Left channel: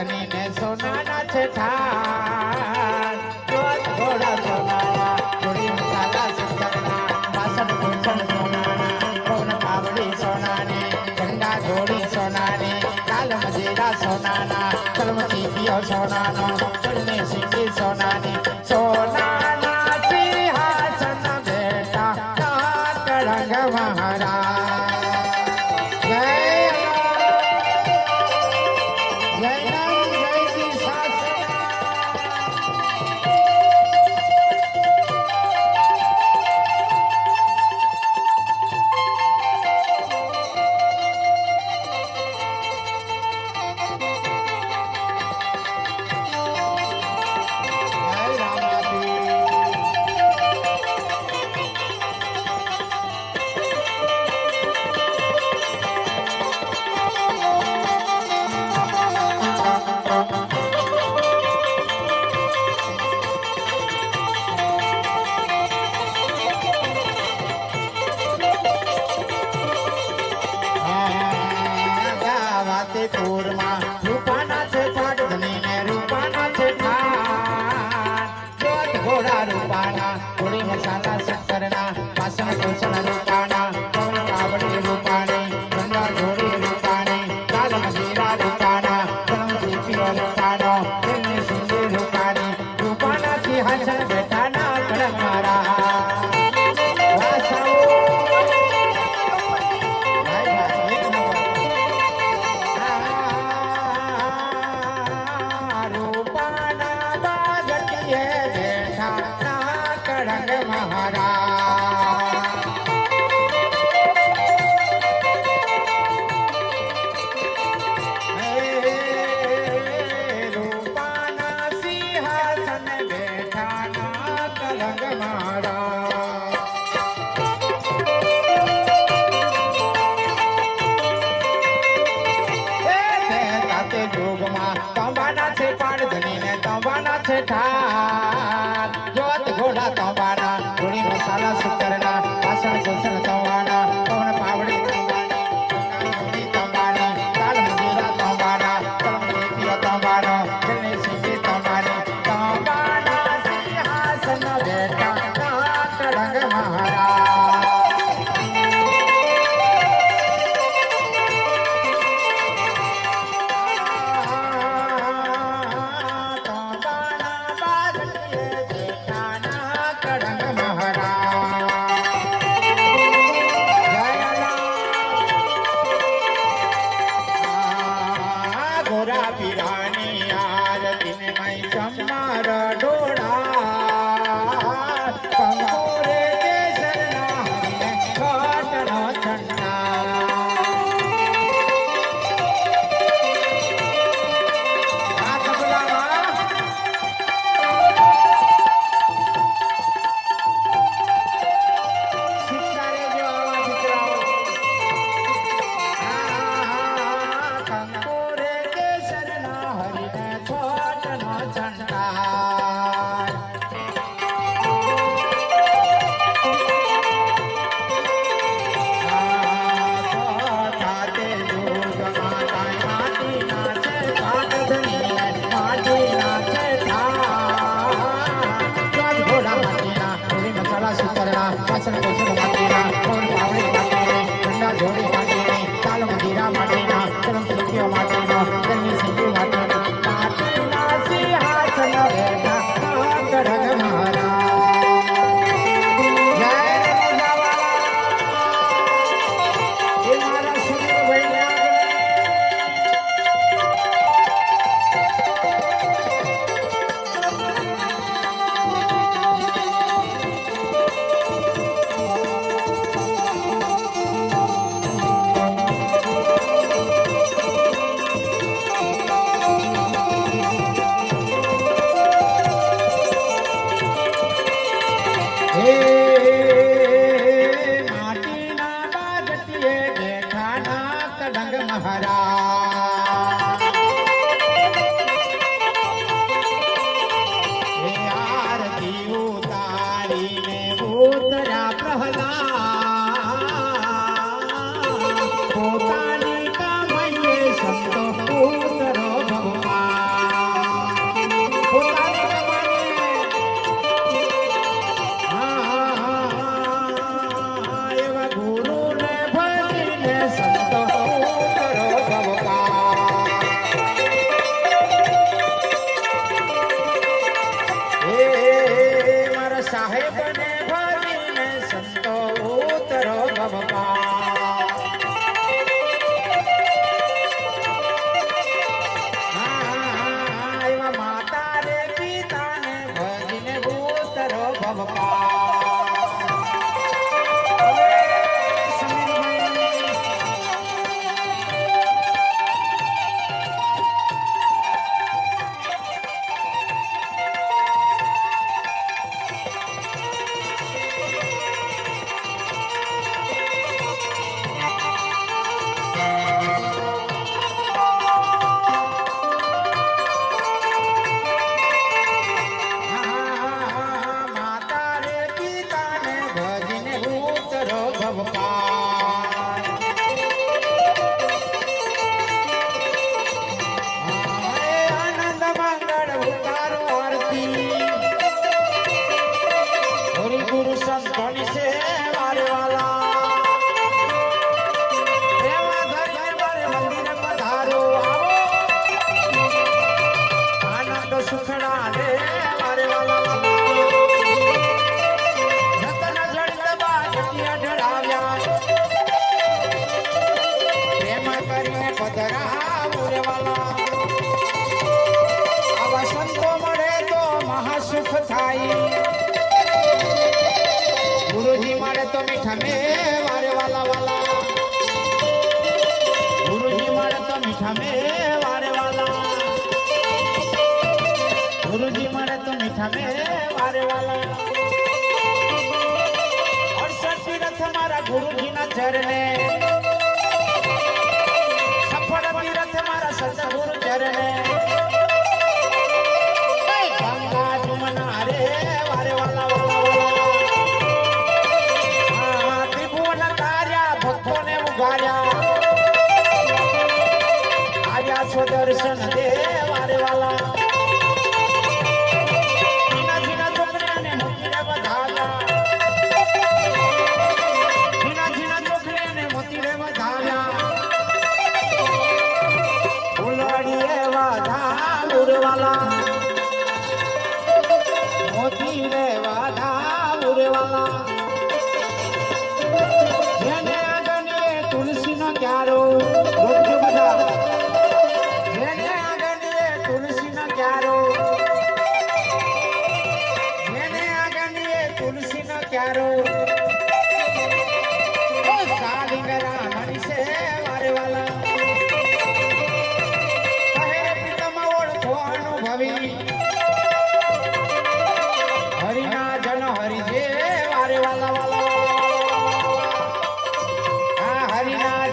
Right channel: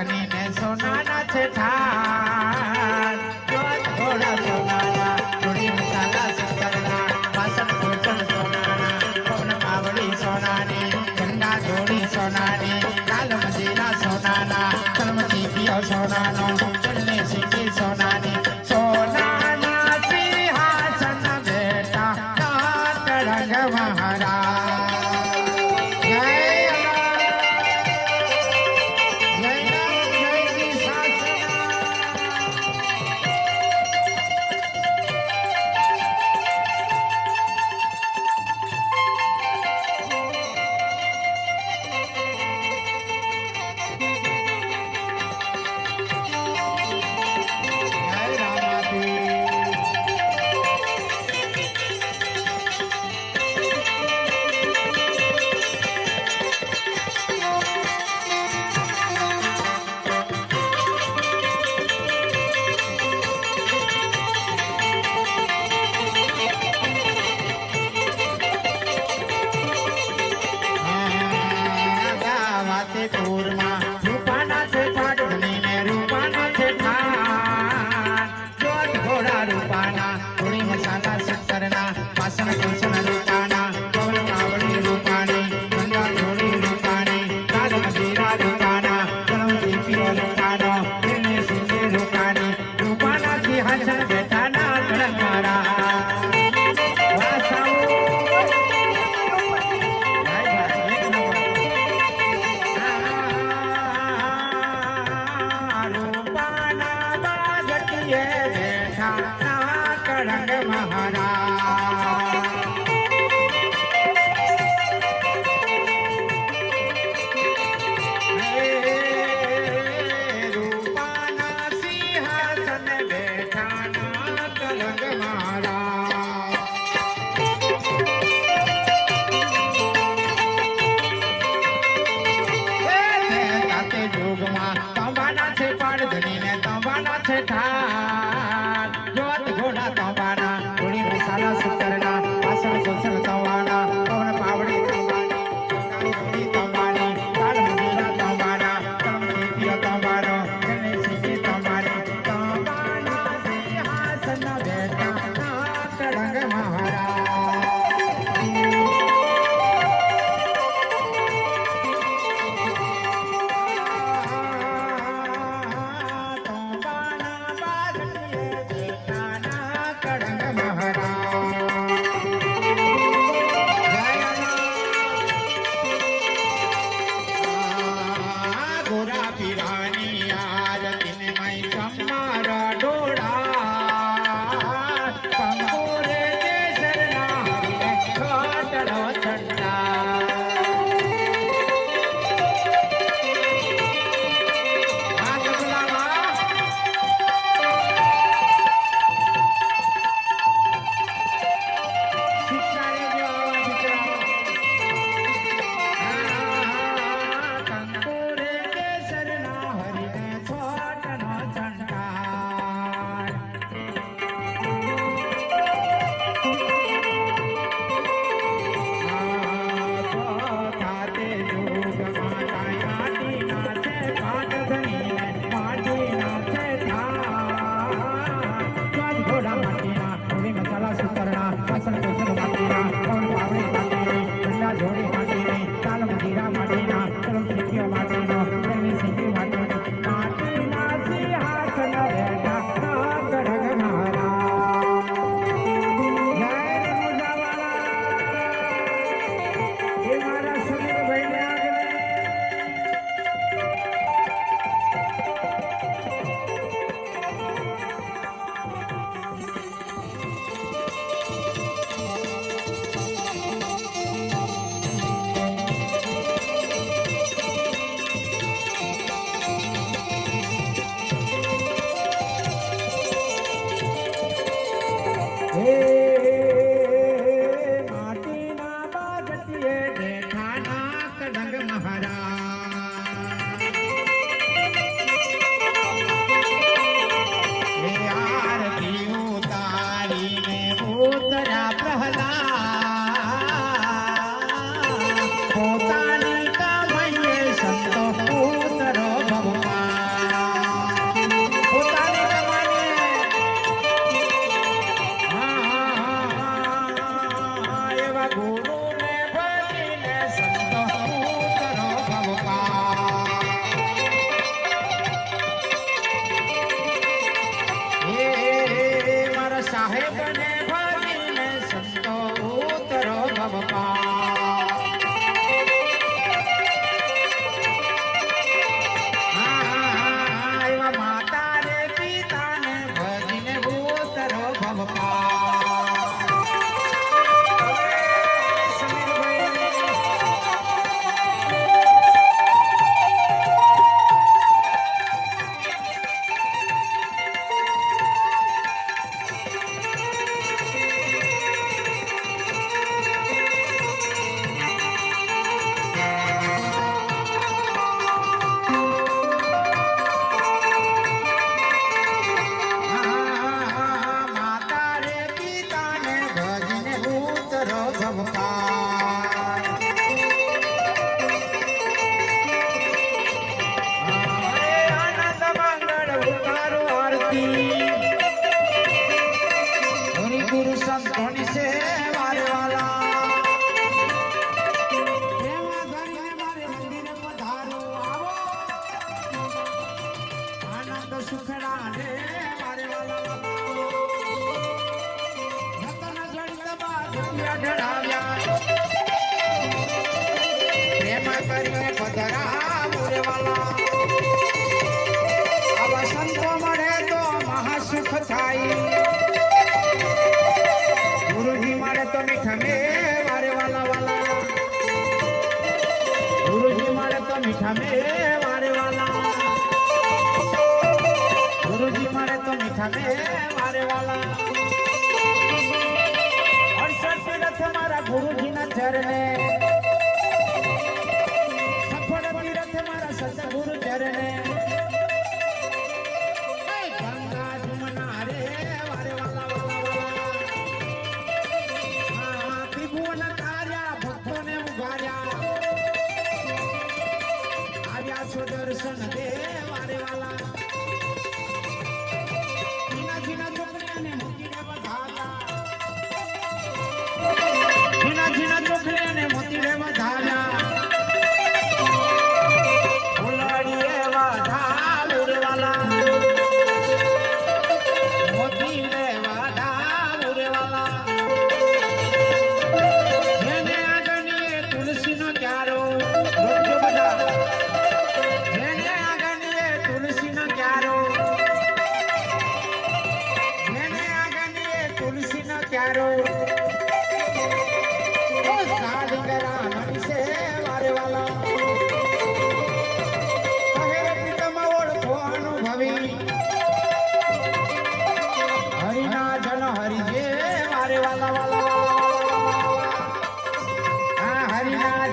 ધની ને સોનાના છે ઠાર જોત ઘોડા સોનાના જોડી મસાલા સુતરના પાસઠ ભૂષણ સોનાના પવન પાવડી સોનાની ઝંડા જોડી સોનાની લાલ મજીરા સોનાના કલમતી પિયો સોનાનો ચડને સીધી સોનાની સોનાના સિંહાસન બેઠા નાકરંગ મહારાજ જય નાકરંગ મહારાજ રૂપાના સિંહાસન બેઠા નાકરંગ મહારાજ જોગમાં તંબાના છે પાડધની ને તંબાના છે ઠાર જોત ઘોડા તંબાના ધૂણી મસાલા સુતરના વાસણ સોસણ તંબાના પવન પાવડી તંબાની ધૂણી તંબાની લાલ મજૂરા તંબાના કલમતી પિયો તંબાનો ચડને સીધી તંબાની તંબાના સિંહાસન બેઠા નાકરંગ મહારાજ પોતાની કામયે સંતો પુત્ર ભગવાન એવા માતા રે પિતાને ભજીને ઉતરો ભવકા ગુરુ સંતોની છે મારે વાલા દેવા ધરીને મારે મંદિરે પધારો આવો આનંદ સુખડા રે મારે વાલા રતન જડિત બાજિયા ઢળાવ્યા પ્રેમ કરીને પધરાવો રે વાલા આવા સંતો મળે તો મહાસુખ થાય गुरुजी मारे तो मीठा में वारे वाला वाला गुरुजी मारे तो मीठा में वारे वाला गुरुजी मारे तो मीठा में वारे वाला और सतीरथ हमारा गुरुजी ना चरणे सफल तीरथ हमारा सतगुरु चरणे गंगा जमुना रे वारे वाला आजा छो दर्शन दे वारे वाला जीना जीना छोकरिया ने मोतीरे बधाव्या जीना जीना छोकरिया ने मोतीरे बधाव्या फुलवाड़ी वाधा मुर वाला मोतीरे वाधा मुर वाला જેને આગળ તુલસીનો ક્યારો રોકજો બધા જેને આગળ તુલસીનો ક્યારો જેને આગળ તુલસીનો ક્યારો ઓ સાલિંગરા મનસે મારે વાલા કહે પિતમ ઓળખવાનું ભવી હરિના જન હરિ જે મારે વાલા વાલા હરિના